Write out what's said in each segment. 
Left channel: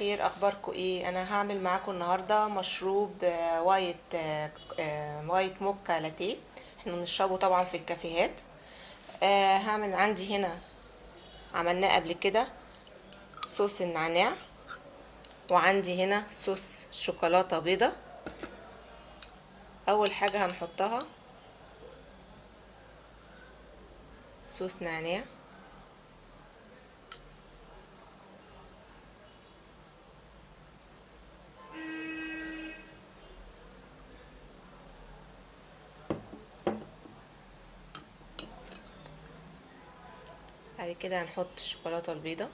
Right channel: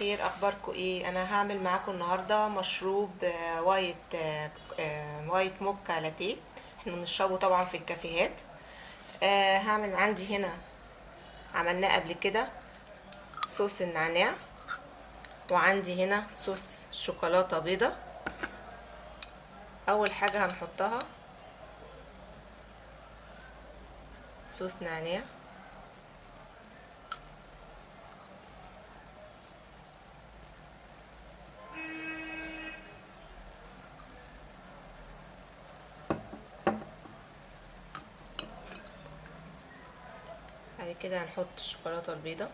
الخير، اخباركم ايه؟ انا هعمل معاكم النهارده مشروب وايت موكا لاتيه. احنا بنشربه طبعا في الكافيهات. هعمل عندي هنا، عملناه قبل كده، صوص النعناع، وعندي هنا صوص شوكولاته بيضه. اول حاجه هنحطها صوص نعناع، بعد كده هنحط الشوكولاته البيضه،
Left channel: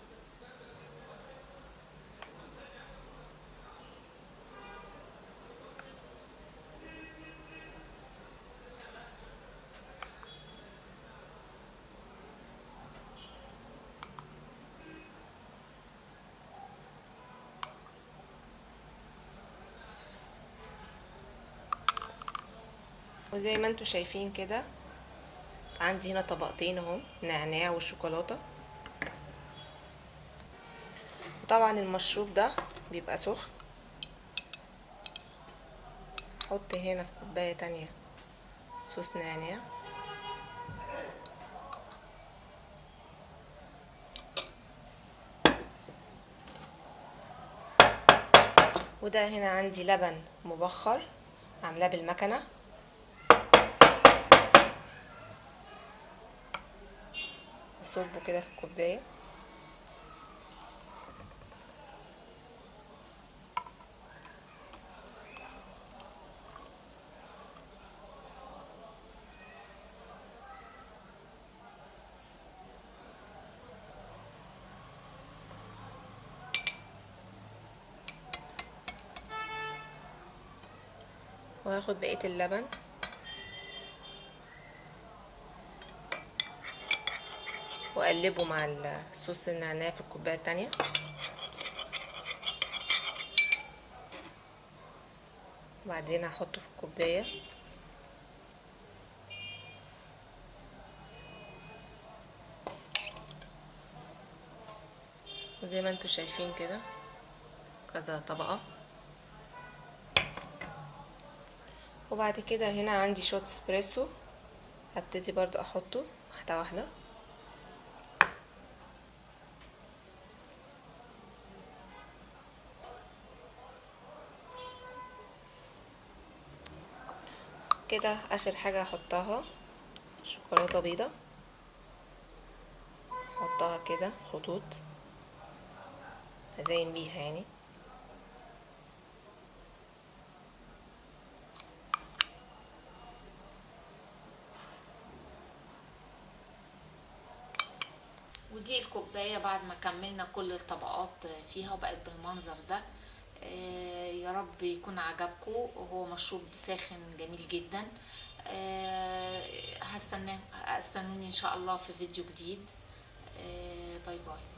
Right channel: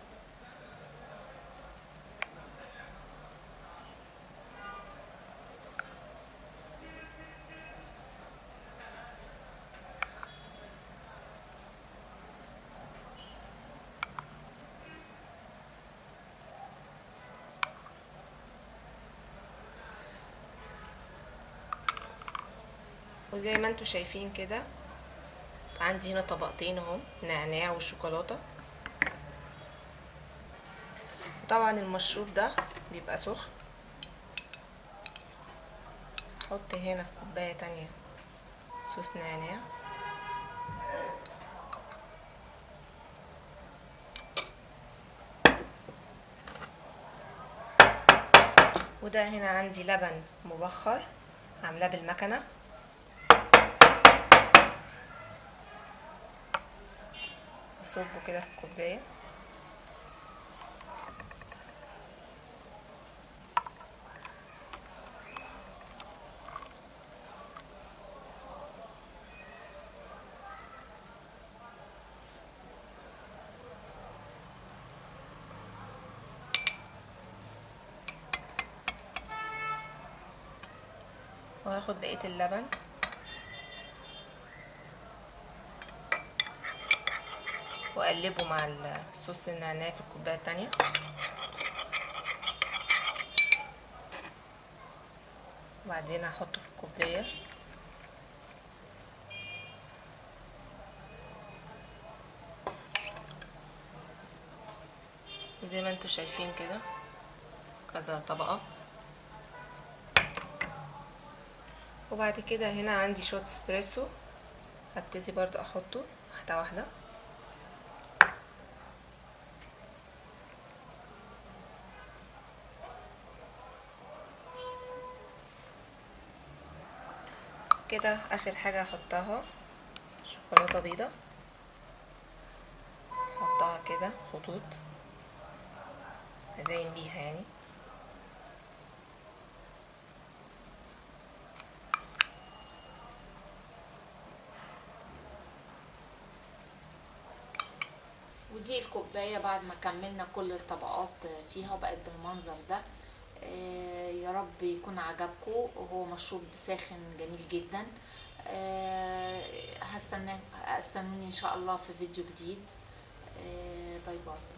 وزي ما انتوا شايفين كده عندي هنا طبقتين اهو، نعناع والشوكولاته. طبعا المشروب ده بيبقى سخن. احط هنا في كوبايه تانية صوص نعناع، وده هنا عندي لبن مبخر عاملاه بالمكنه. اصبه كده في الكوبايه، وهاخد بقيه اللبن واقلبه مع الصوص النعناع في الكوبايه التانية. وبعدين هحطه في الكوبايه، زي ما انتوا شايفين كده كذا طبقه. وبعد كده هنا عندي شوت اسبريسو، هبتدي برضو احطه واحده واحده. كده اخر حاجه هحطها شوكولاته بيضه، احطها كده خطوط ازين بيها يعني. ودي الكوباية بعد ما كملنا كل الطبقات فيها وبقت بالمنظر ده. يا رب يكون عجبكم، وهو مشروب ساخن جميل جدا. هستنوني ان شاء الله في فيديو جديد. باي باي.